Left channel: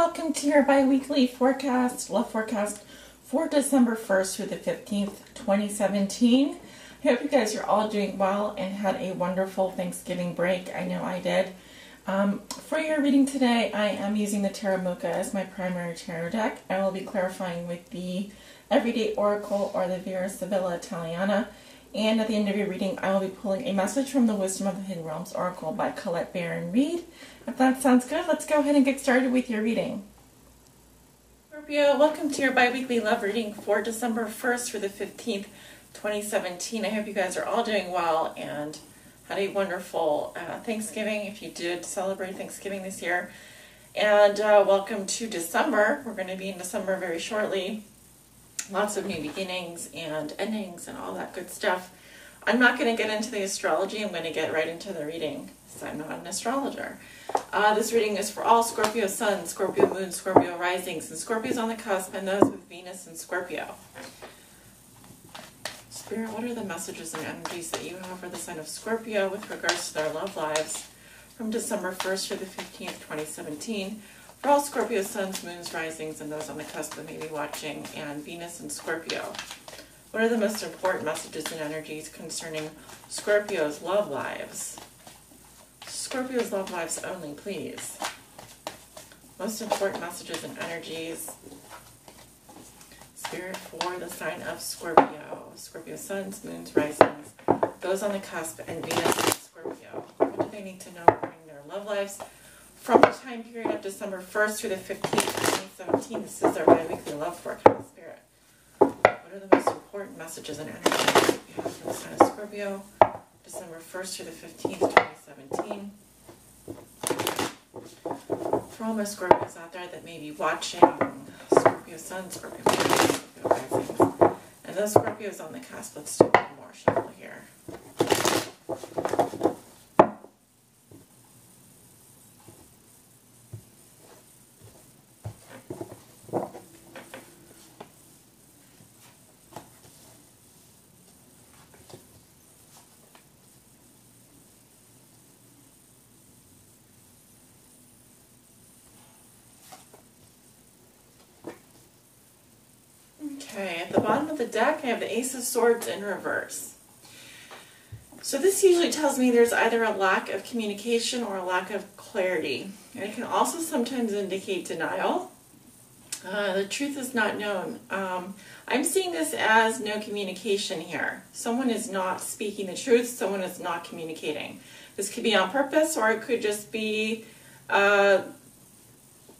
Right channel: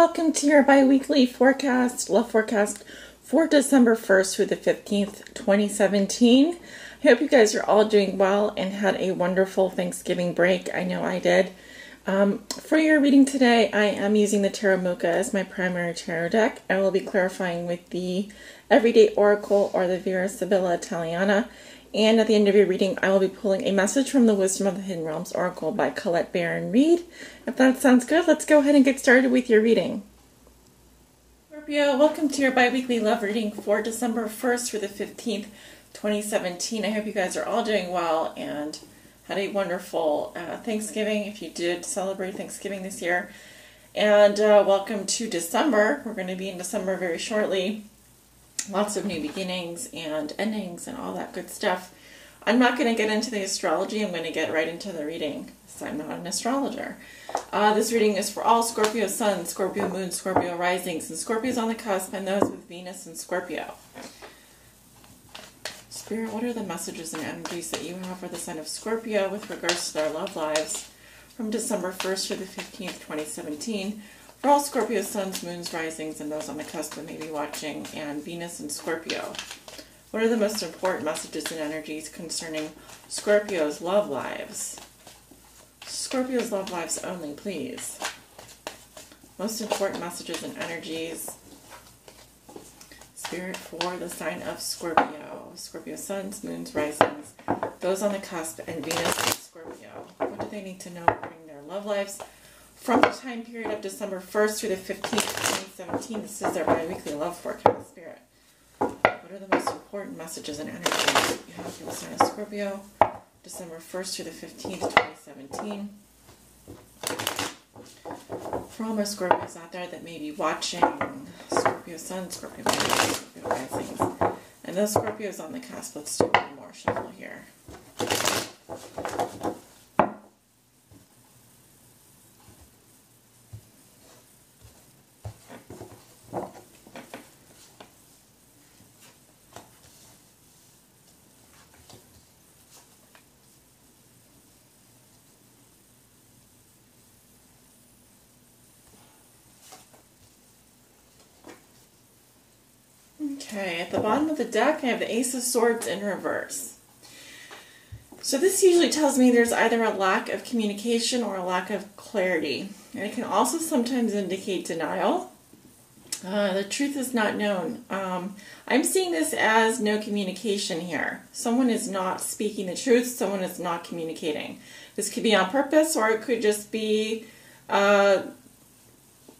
welcome to your bi-weekly forecast, love forecast for December 1st through the 15th, 2017. I hope you guys are all doing well and had a wonderful Thanksgiving break. I know I did. For your reading today, I am using the Tarot Mocha as my primary tarot deck. I will be clarifying with the Everyday Oracle or the Vera Sibilla Italiana. And at the end of your reading, I will be pulling a message from the Wisdom of the Hidden Realms Oracle by Colette Baron Reed. If that sounds good, let's go ahead and get started with your reading. Scorpio, welcome to your bi-weekly love reading for December 1st through the 15th, 2017. I hope you guys are all doing well and had a wonderful Thanksgiving, if you did celebrate Thanksgiving this year. And welcome to December. We're going to be in December very shortly. Lots of new beginnings and endings and all that good stuff. I'm not going to get into the astrology. I'm going to get right into the reading, so I'm not an astrologer. This reading is for all Scorpio Suns, Scorpio Moons, Scorpio Risings, and Scorpios on the cusp, and those with Venus and Scorpio. Spirit, what are the messages and energies that you have for the sign of Scorpio with regards to their love lives from December 1st to the 15th, 2017? For all Scorpio Suns, Moons, Risings, and those on the cusp that may be watching, and Venus and Scorpio. What are the most important messages and energies concerning Scorpio's love lives? Scorpio's love lives only, please. Most important messages and energies. Spirit for the sign of Scorpio. Scorpio Suns, Moons, Risings, those on the cusp, and Venus and Scorpio. What do they need to know regarding their love lives from the time period of December 1st through the 15th, 2017? This is their bi-weekly love forecast, Spirit. What are the most important messages and energies you have for the sign of Scorpio, December 1st through the 15th, 2017? For all my Scorpios out there that may be watching, Scorpio Sun, Scorpio Moons, Scorpio Risings, and those Scorpios on the cusp. Let's do one more shuffle here. Okay, at the bottom of the deck, I have the Ace of Swords in reverse. So this usually tells me there's either a lack of communication or a lack of clarity. And it can also sometimes indicate denial. The truth is not known. I'm seeing this as no communication here. Someone is not speaking the truth. Someone is not communicating. This could be on purpose, or it could just be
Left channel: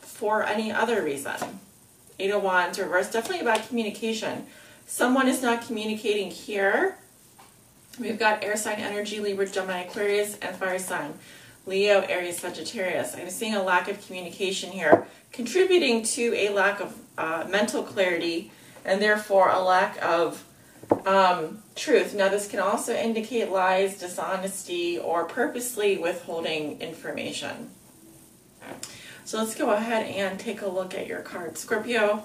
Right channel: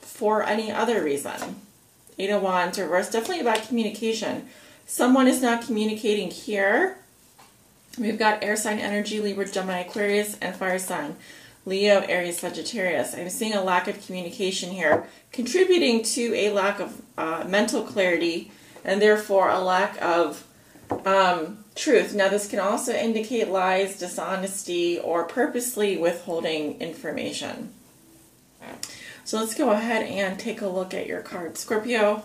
for any other reason. Eight of Wands reverse, definitely about communication. Someone is not communicating here. We've got air sign energy, Libra, Gemini, Aquarius, and fire sign, Leo, Aries, Sagittarius. I'm seeing a lack of communication here, contributing to a lack of mental clarity, and therefore a lack of truth. Now this can also indicate lies, dishonesty, or purposely withholding information. So let's go ahead and take a look at your card, Scorpio.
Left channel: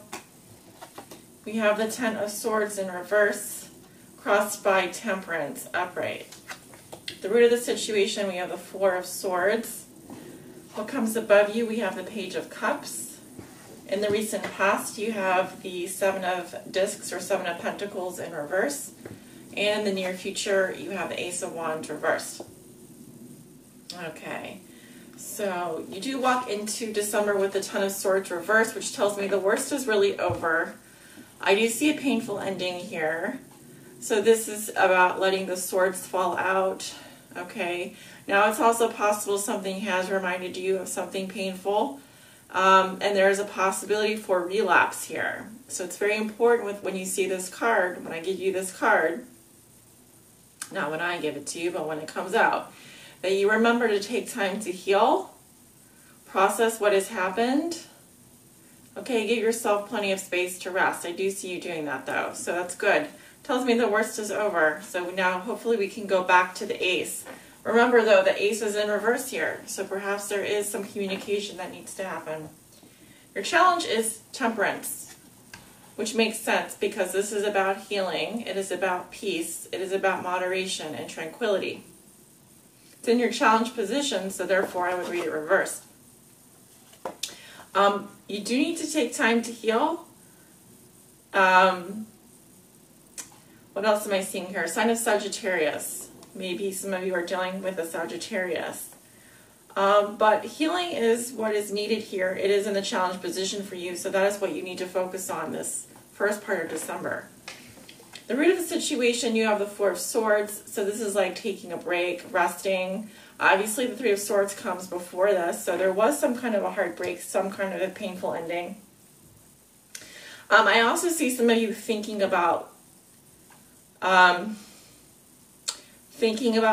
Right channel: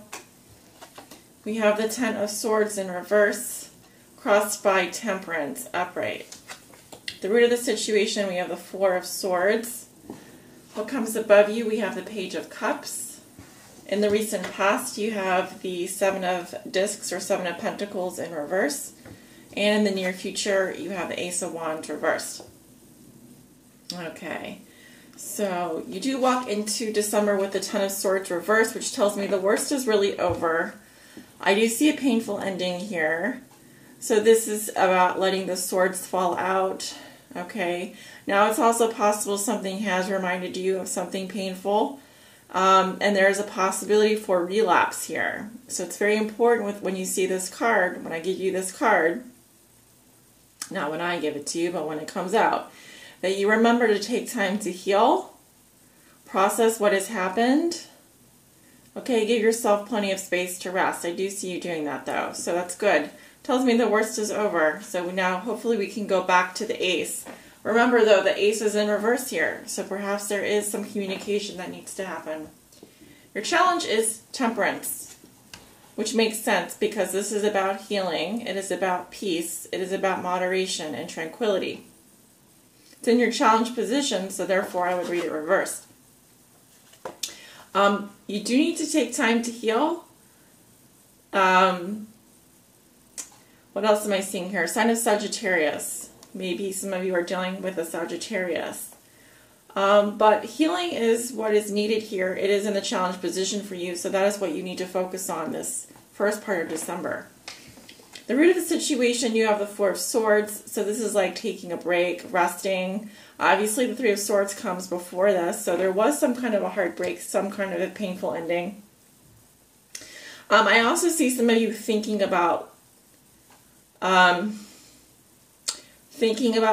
We have the Ten of Swords in reverse, crossed by Temperance, upright. The root of the situation, we have the Four of Swords. What comes above you, we have the Page of Cups. In the recent past, you have the Seven of Discs or Seven of Pentacles in reverse. And in the near future, you have the Ace of Wands reversed. Okay. So you do walk into December with the Ten of Swords reversed, which tells me the worst is really over. I do see a painful ending here. So this is about letting the swords fall out. Okay. Now it's also possible something has reminded you of something painful. And there is a possibility for relapse here. So it's very important when you see this card, when I give you this card, not when I give it to you, but when it comes out, that you remember to take time to heal, process what has happened. Okay, give yourself plenty of space to rest. I do see you doing that though, so that's good. Tells me the worst is over. So now hopefully we can go back to the Ace. Remember though, the Ace is in reverse here, so perhaps there is some communication that needs to happen. Your challenge is Temperance, which makes sense because this is about healing, it is about peace, it is about moderation and tranquility. It's in your challenge position, so therefore I would read it reversed. You do need to take time to heal. What else am I seeing here? Sign of Sagittarius. Maybe some of you are dealing with a Sagittarius. But healing is what is needed here. It is in the challenge position for you, so that is what you need to focus on this first part of December. The root of the situation, you have the Four of Swords, so this is like taking a break, resting. Obviously, the Three of Swords comes before this, so there was some kind of a heartbreak, some kind of a painful ending. I also see some of you thinking about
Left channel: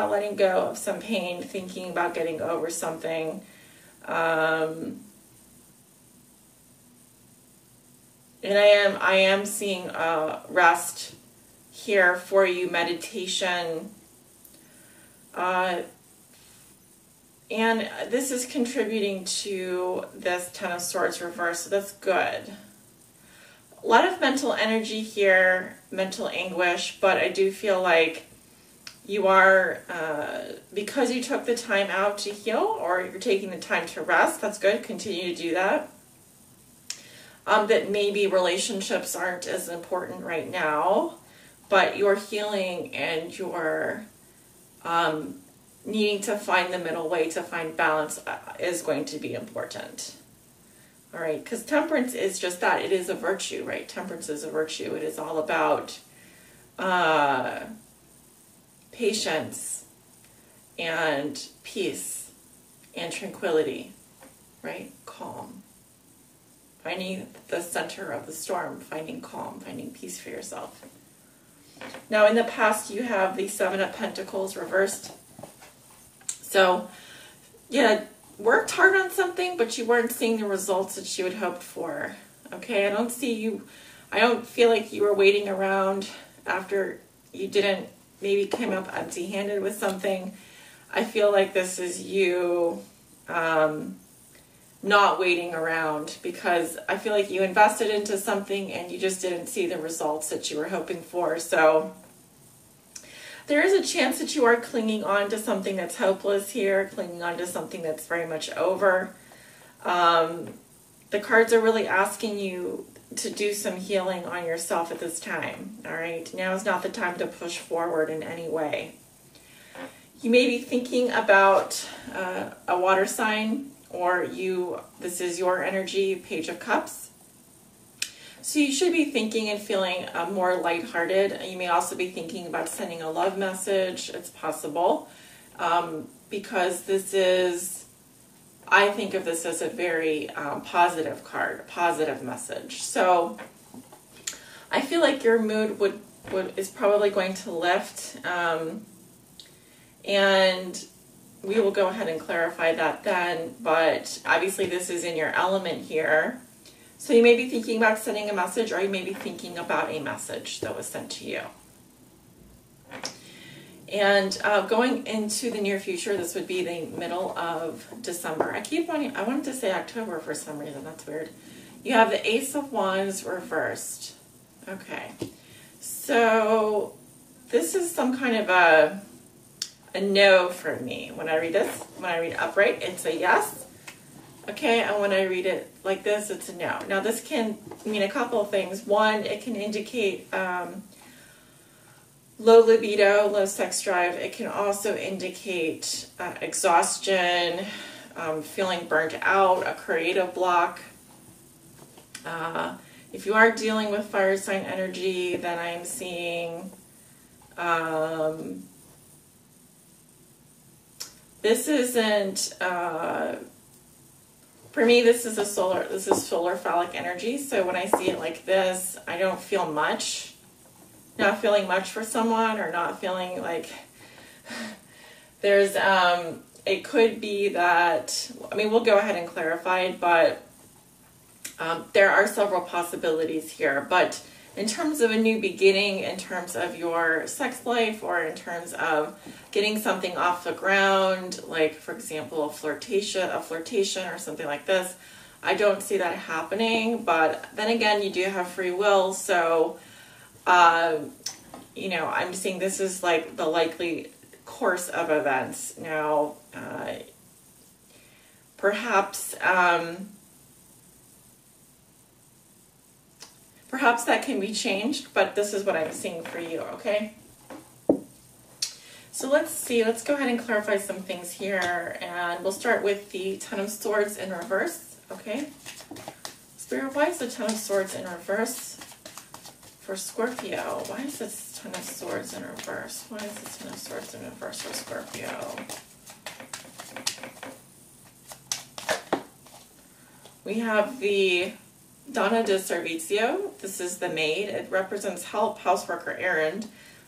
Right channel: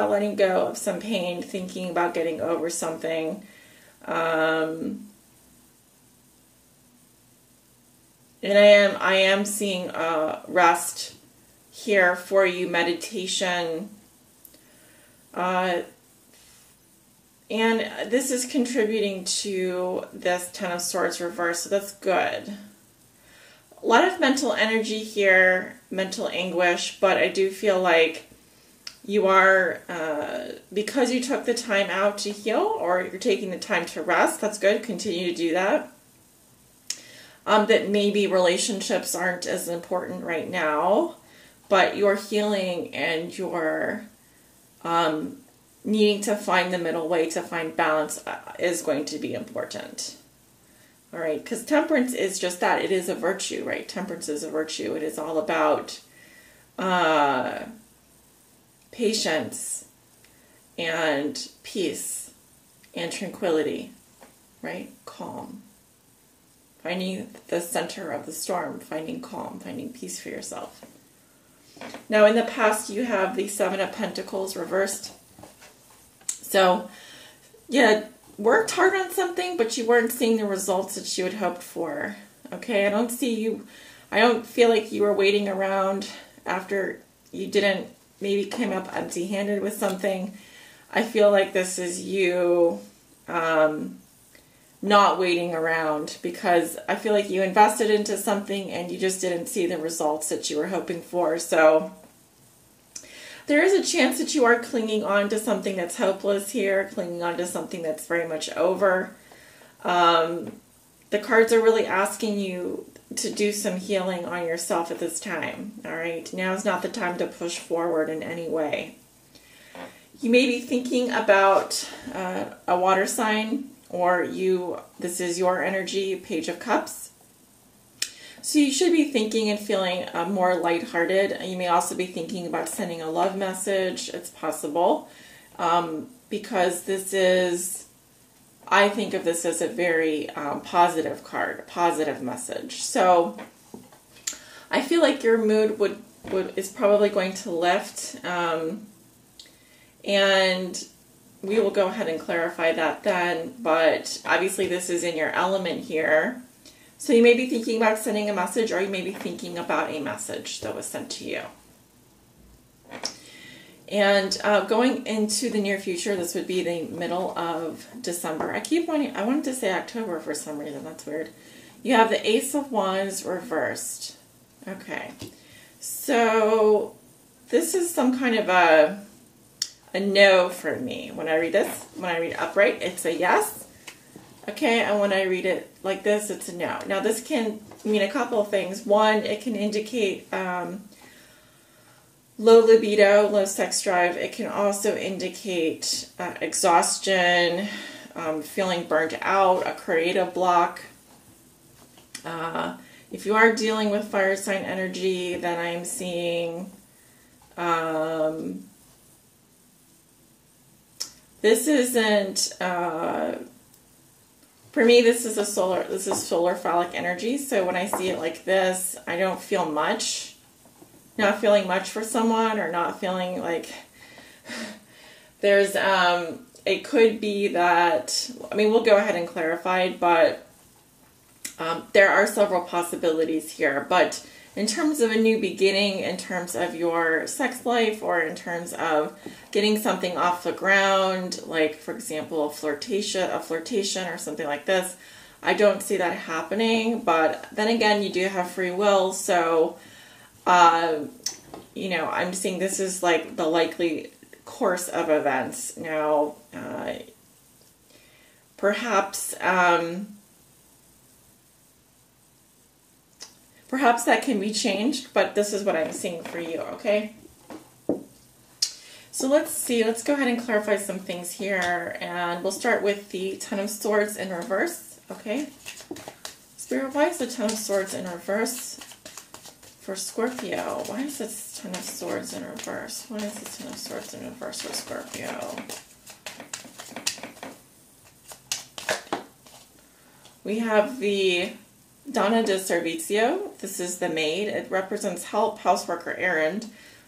letting go of some pain, thinking about getting over something. And I am seeing rest here for you, meditation. And this is contributing to this Ten of Swords reverse, so that's good. A lot of mental energy here, mental anguish, but I do feel like you are, because you took the time out to heal, or you're taking the time to rest, that's good, continue to do that. That maybe relationships aren't as important right now, but your healing and your needing to find the middle way, to find balance is going to be important. All right, because temperance is just that. It is a virtue, right? Temperance is a virtue. It is all about patience and peace and tranquility, right? Calm. Finding the center of the storm, finding calm, finding peace for yourself. Now, in the past, you have the Seven of Pentacles reversed. So, yeah, worked hard on something, but you weren't seeing the results that you had hoped for. Okay, I don't feel like you were waiting around after you didn't, maybe came up empty-handed with something. I feel like this is you not waiting around, because I feel like you invested into something and you just didn't see the results that you were hoping for. So there is a chance that you are clinging on to something that's hopeless here, clinging on to something that's very much over. The cards are really asking you to do some healing on yourself at this time. All right, now is not the time to push forward in any way. You may be thinking about a water sign, or this is your energy, Page of Cups. So you should be thinking and feeling more lighthearted. You may also be thinking about sending a love message. It's possible, because this is, I think of this as a very positive card, a positive message. So I feel like your mood is probably going to lift, and we will go ahead and clarify that then, but obviously this is in your element here. So you may be thinking about sending a message, or you may be thinking about a message that was sent to you. And going into the near future, this would be the middle of December. I wanted to say October for some reason, that's weird. You have the Ace of Wands reversed. Okay, so this is some kind of a no for me. When I read this, when I read it upright, it's a yes. Okay, and when I read it like this, it's a no. Now this can mean a couple of things. One, it can indicate low libido, low sex drive. It can also indicate exhaustion, feeling burnt out, a creative block. If you are dealing with fire sign energy, then I am seeing this isn't, for me, this is solar phallic energy. So when I see it like this, I don't feel much. Not feeling much for someone, or not feeling like there's, it could be that, I mean, we'll go ahead and clarify, but there are several possibilities here. But in terms of a new beginning, in terms of your sex life, or in terms of getting something off the ground, like, for example, a flirtation or something like this, I don't see that happening. But then again, you do have free will, so you know, I'm seeing this is like the likely course of events. Now, perhaps Perhaps that can be changed, but this is what I'm seeing for you, okay? So let's see, let's go ahead and clarify some things here, and we'll start with the Ten of Swords in reverse, okay? Spirit, why is the Ten of Swords in reverse for Scorpio? Why is this Ten of Swords in reverse? Why is the Ten of Swords in reverse for Scorpio? We have the Donna de Servizio. This is the maid. It represents help, housework, or errand.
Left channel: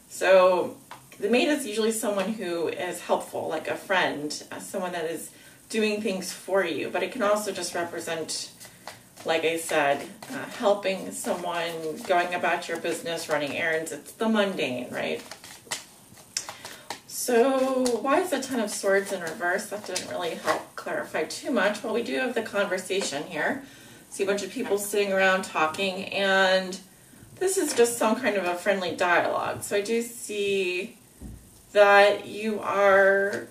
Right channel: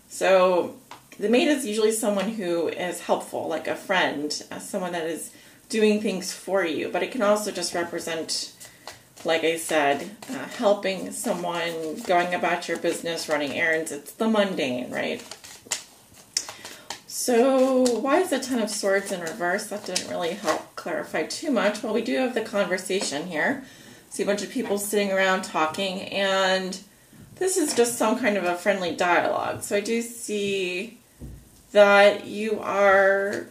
So the maid is usually someone who is helpful, like a friend, someone that is doing things for you. But it can also just represent, like I said, helping someone, going about your business, running errands. It's the mundane, right? So why is the Ten of Swords in reverse? That didn't really help clarify too much. Well, we do have the conversation here. See a bunch of people sitting around talking, and this is just some kind of a friendly dialogue. So I do see that you are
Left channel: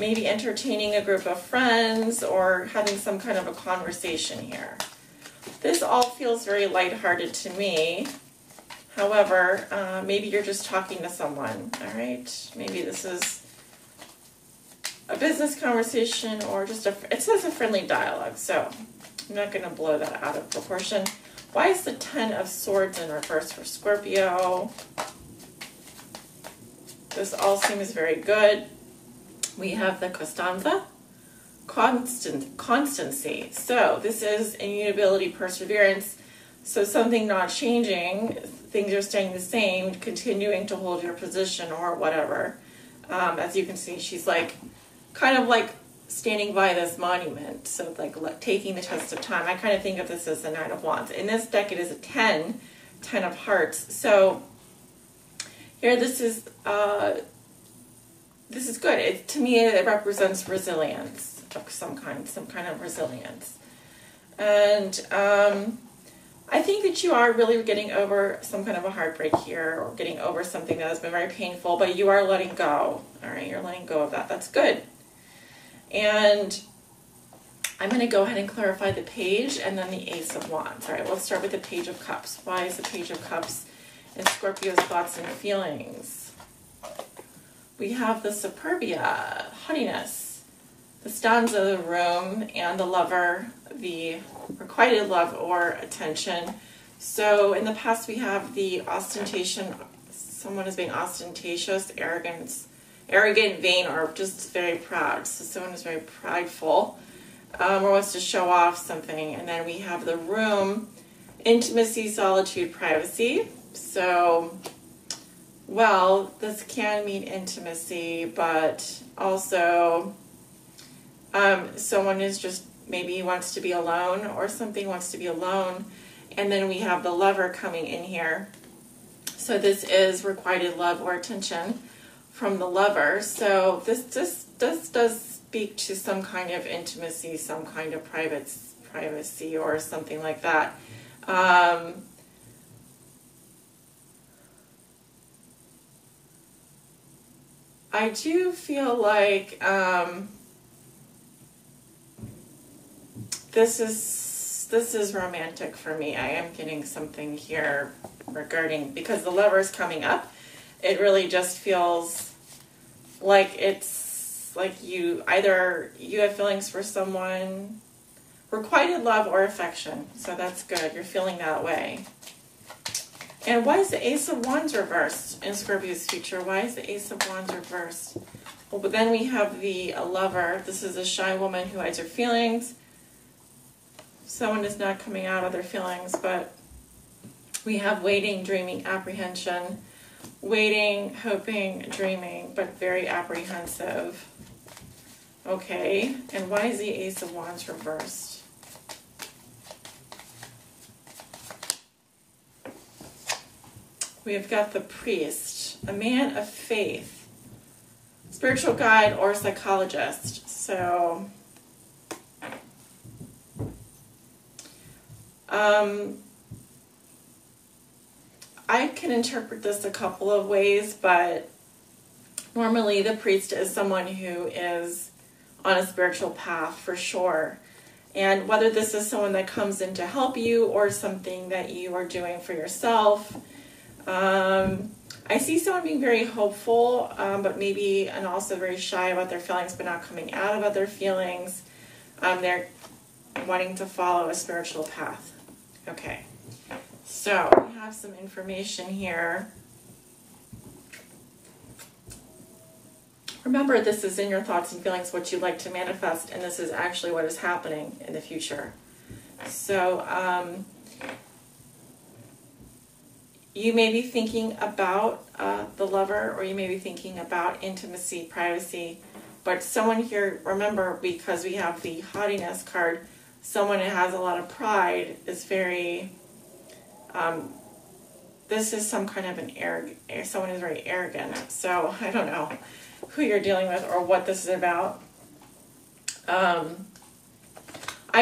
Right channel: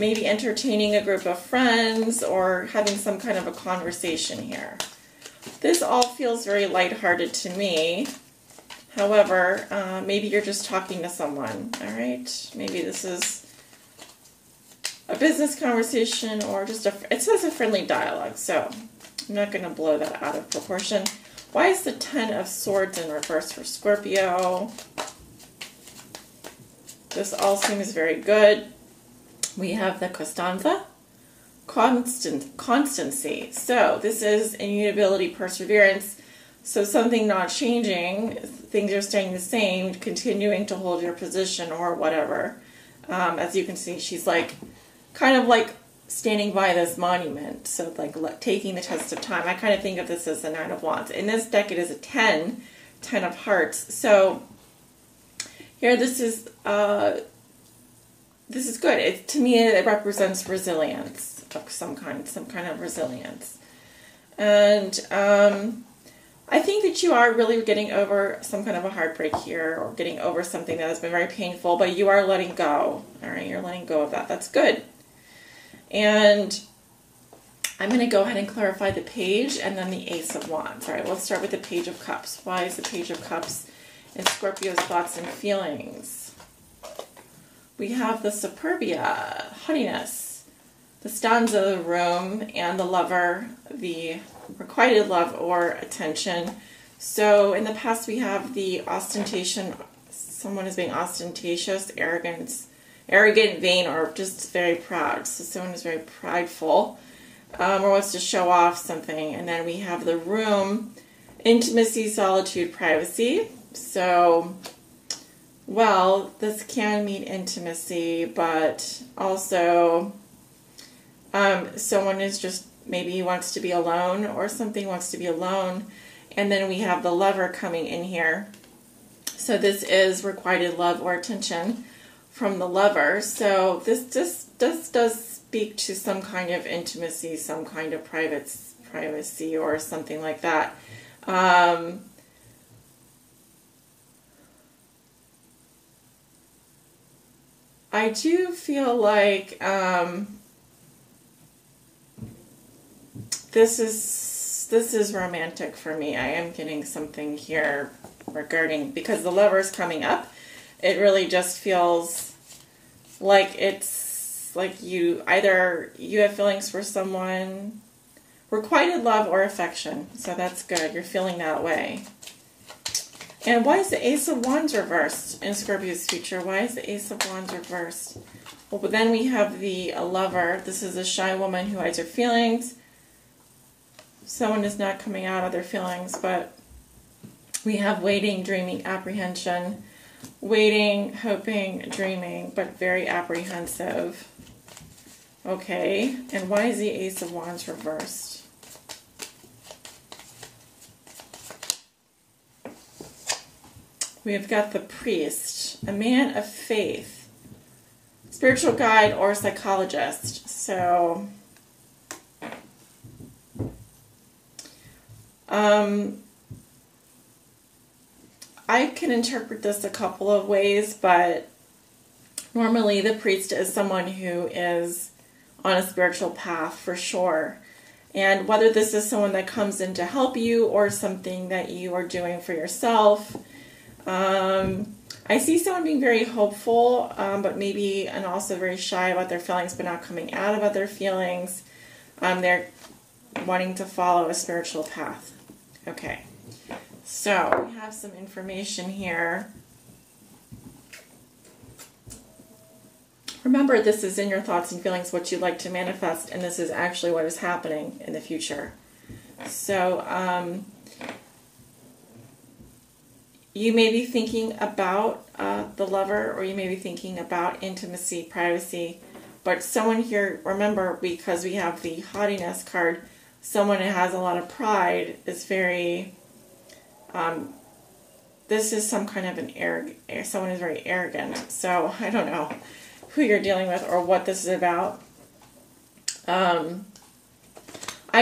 maybe entertaining a group of friends or having some kind of a conversation here. This all feels very lighthearted to me. However, maybe you're just talking to someone, all right? Maybe this is a business conversation or just it says a friendly dialogue, so I'm not going to blow that out of proportion. Why is the Ten of Swords in reverse for Scorpio? This all seems very good. We have the Costanza, constancy. So this is immutability, perseverance. So something not changing, things are staying the same, continuing to hold your position or whatever. As you can see, she's like, kind of like standing by this monument. So like taking the test of time. I kind of think of this as the Nine of Wands. In this deck, it is a 10 of Hearts. So here, this is good. To me, it represents resilience of some kind of resilience. And I think that you are really getting over some kind of a heartbreak here, or getting over something that has been very painful, but you are letting go. All right, you're letting go of that. That's good. And I'm going to go ahead and clarify the Page and then the Ace of Wands. All right, let's start with the Page of Cups. Why is the Page of Cups in Scorpio's thoughts and feelings? We have the Superbia, haughtiness, the stanza, the room, and the lover, the requited love or attention. So in the past, we have the ostentation. Someone is being ostentatious, arrogant, vain, or just very proud. So someone is very prideful or wants to show off something. And then we have the room, intimacy, solitude, privacy. So, well, this can mean intimacy, but also someone is just, maybe he wants to be alone, or something wants to be alone. And then we have the lover coming in here. So this is requited love or attention from the lover. So this does speak to some kind of intimacy, some kind of privacy or something like that. I do feel like this is romantic for me. I am getting something here regarding, because the lover's coming up. It really just feels like it's like you have feelings for someone, requited love or affection. So that's good. You're feeling that way. And why is the Ace of Wands reversed in Scorpio's future? Why is the Ace of Wands reversed? Well, but then we have the lover. This is a shy woman who hides her feelings. Someone is not coming out of their feelings, but we have waiting, dreaming, apprehension. Waiting, hoping, dreaming, but very apprehensive. Okay, and why is the Ace of Wands reversed? We have got the Priest, a man of faith, spiritual guide or psychologist. So, I can interpret this a couple of ways, but normally the priest is someone who is on a spiritual path for sure. And whether this is someone that comes in to help you or something that you are doing for yourself. I see someone being very hopeful, but maybe and also very shy about their feelings, but not coming out about their feelings. They're wanting to follow a spiritual path. Okay, so we have some information here. Remember, this is in your thoughts and feelings, what you'd like to manifest, and this is actually what is happening in the future. So, you may be thinking about the lover, or you may be thinking about intimacy, privacy, but someone here, remember, because we have the haughtiness card, someone who has a lot of pride is very, this is some kind of someone who's very arrogant. So, I don't know who you're dealing with or what this is about. I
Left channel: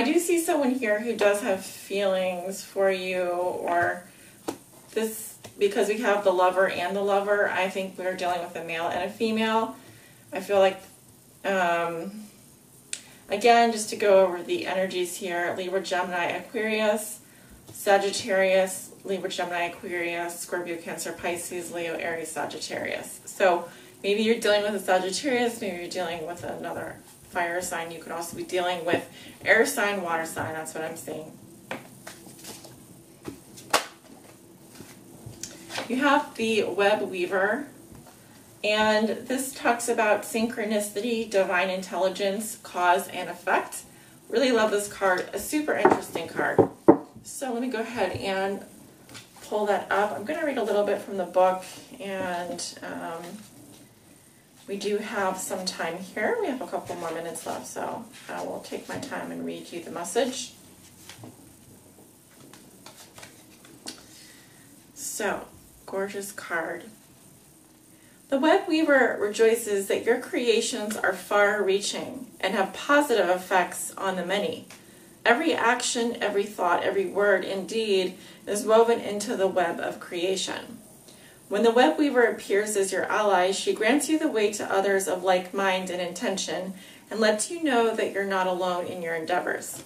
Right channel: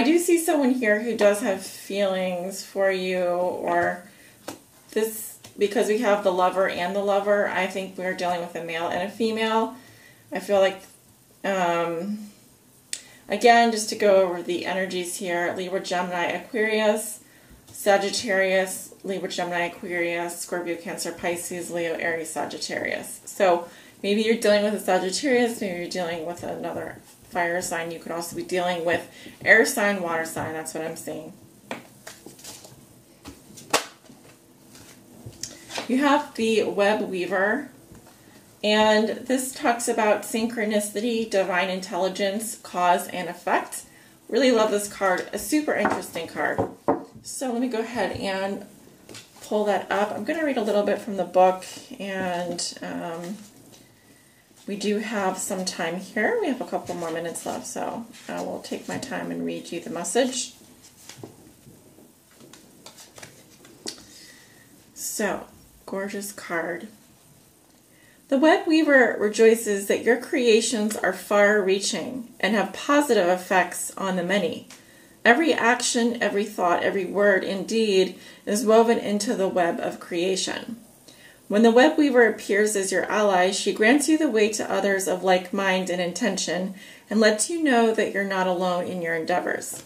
do see someone here who does have feelings for you, or this, because we have the lover and the lover, I think we're dealing with a male and a female. I feel like, again, just to go over the energies here, Libra, Gemini, Aquarius, Sagittarius, Libra, Gemini, Aquarius, Scorpio, Cancer, Pisces, Leo, Aries, Sagittarius. So maybe you're dealing with a Sagittarius, maybe you're dealing with another fire sign. You could also be dealing with air sign, water sign. That's what I'm seeing. You have the web weaver, and this talks about synchronicity, divine intelligence, cause and effect. Really love this card. A super interesting card. So let me go ahead and pull that up. I'm going to read a little bit from the book, and we do have some time here. We have a couple more minutes left, so I will take my time and read you the message. So, gorgeous card. The web weaver rejoices that your creations are far-reaching and have positive effects on the many. Every action, every thought, every word, indeed, is woven into the web of creation. When the web weaver appears as your ally, she grants you the way to others of like mind and intention and lets you know that you're not alone in your endeavors.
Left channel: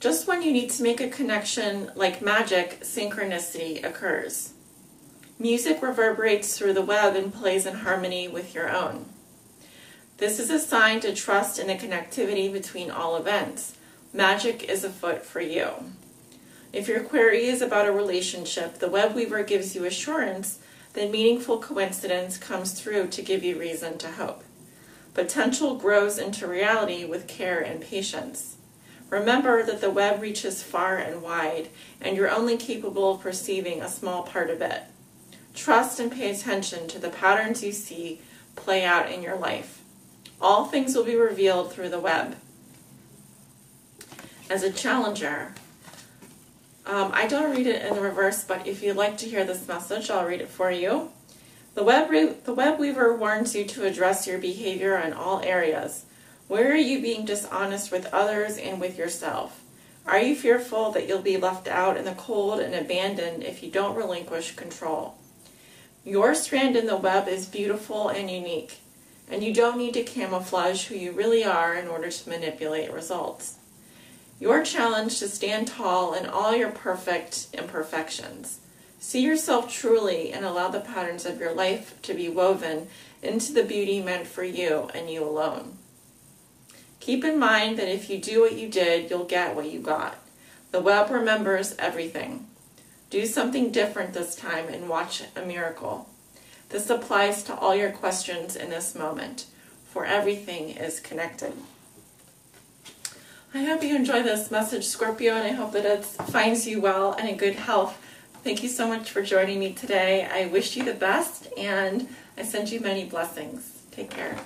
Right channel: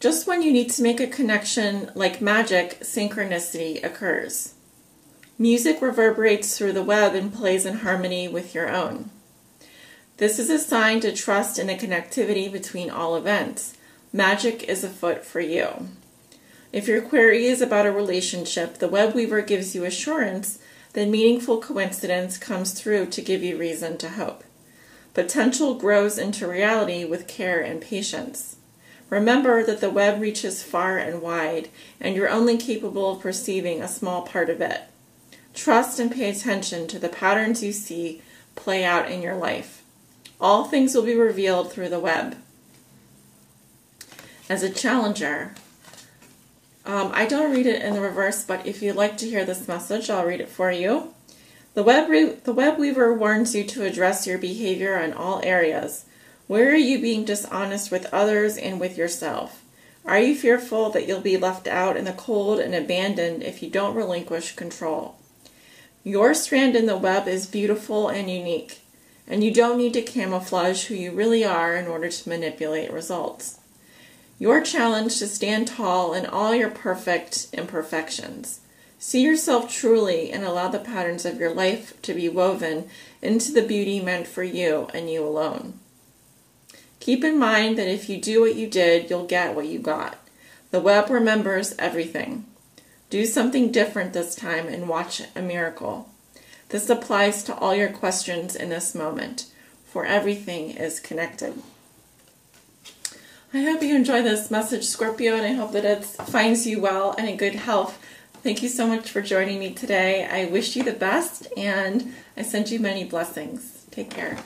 Just when you need to make a connection like magic, synchronicity occurs. Music reverberates through the web and plays in harmony with your own. This is a sign to trust in the connectivity between all events. Magic is afoot for you. If your query is about a relationship, the web weaver gives you assurance that meaningful coincidence comes through to give you reason to hope. Potential grows into reality with care and patience. Remember that the web reaches far and wide, and you're only capable of perceiving a small part of it. Trust and pay attention to the patterns you see play out in your life. All things will be revealed through the web. As a challenger, I don't read it in the reverse, but if you'd like to hear this message, I'll read it for you. The web weaver warns you to address your behavior in all areas. Where are you being dishonest with others and with yourself? Are you fearful that you'll be left out in the cold and abandoned if you don't relinquish control? Your strand in the web is beautiful and unique, and you don't need to camouflage who you really are in order to manipulate results. Your challenge to stand tall in all your perfect imperfections. See yourself truly and allow the patterns of your life to be woven into the beauty meant for you and you alone. Keep in mind that if you do what you did, you'll get what you got. The web remembers everything. Do something different this time and watch a miracle. This applies to all your questions in this moment, for everything is connected. I hope you enjoy this message, Scorpio, and I hope that it finds you well and in good health. Thank you so much for joining me today. I wish you the best, and I send you many blessings. Take care.